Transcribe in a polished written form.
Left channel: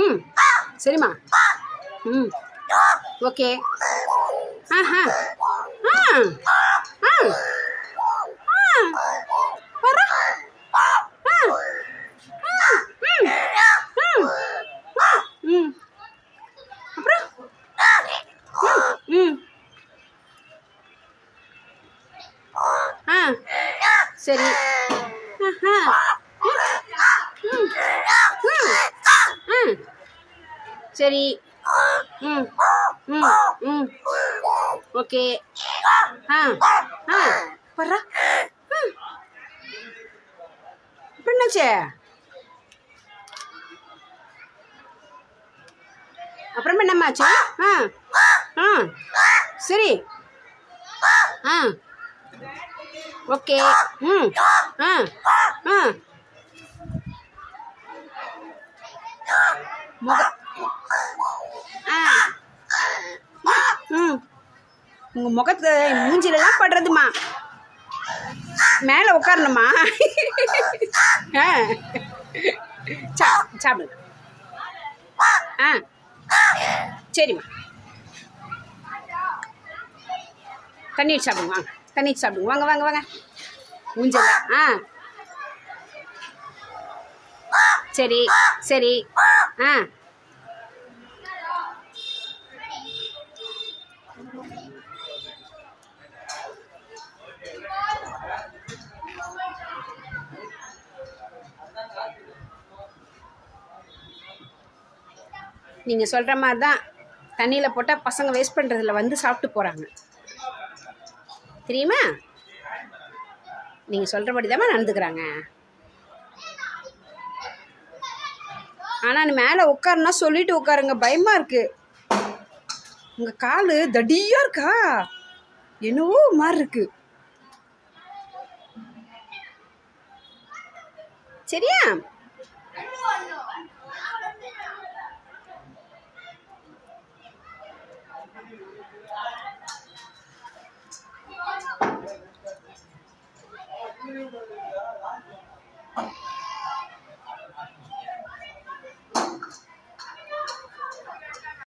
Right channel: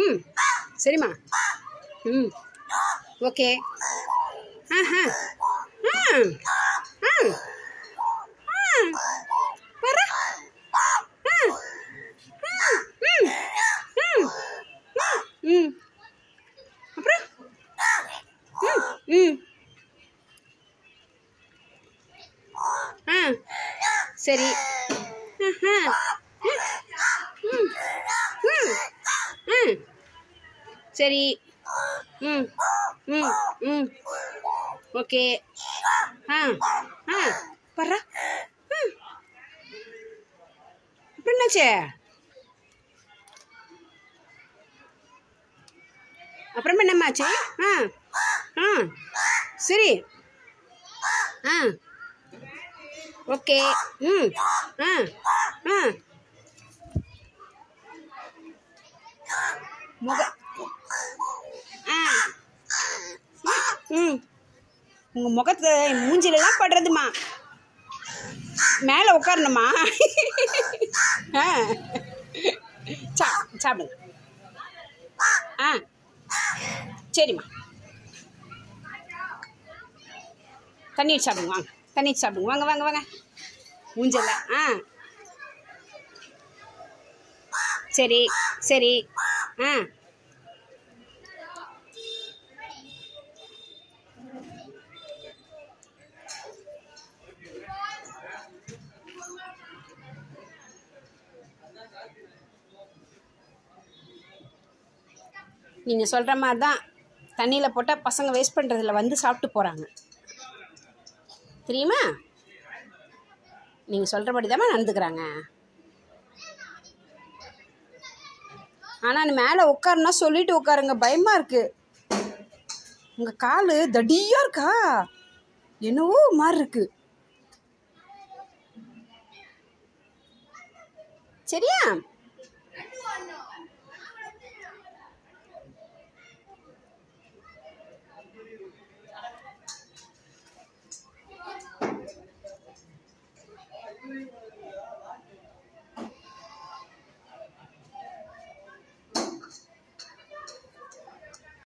ம் சரிம்மா. ம் ஓகே. ஆஹா ஆ ஆ வர ஆ ம் ம் அப்புறம் ம் ஆ சரி. ஆஹா சரி. ம் ம் ம் ஓகே. ஆ ஆ வர்றா. அப்புறம் என்னாச்சு? அப்புறமா என்னம்மாச்சு? ஆ ஆ சரி. ஆ ஓகே. ம் ஆ ஆ முக ஆ ம் உங்கள் முகத்தை மூஞ்சிலெல்லாம் படுறதுமா. மேலே உட்காரணுமா? ஆ சாப்பிடுங்க. ஆ சரிம்மா. தண்ணி வச்சு சாப்பிடுங்க. வாங்க தண்ணி வச்சு சாப்பிடுங்க. வாங்க வாங்க வாங்க. மூஞ்சல ஆ சரி சரி. ஆ நீங்கள் சொல்கிற மாதிரி தான் தண்ணியில் போட்டால் பசங்க வேஸ்ட் பண்ணுறதில்ல, வந்து சாப்பிட்டு போகிறாங்க தெரியுமா? நீங்கள் சொல்கிற மாதிரி தான் நடந்துக்கிறாங்க. ஆனால் மேலே உட்காருன்னா சொல்லிட்டு உட்காருங்க, பயமாக இருக்குது. உங்கள் கால் தடியாக இருக்கா என்னவோ மாதிரி இருக்கு. சரியா?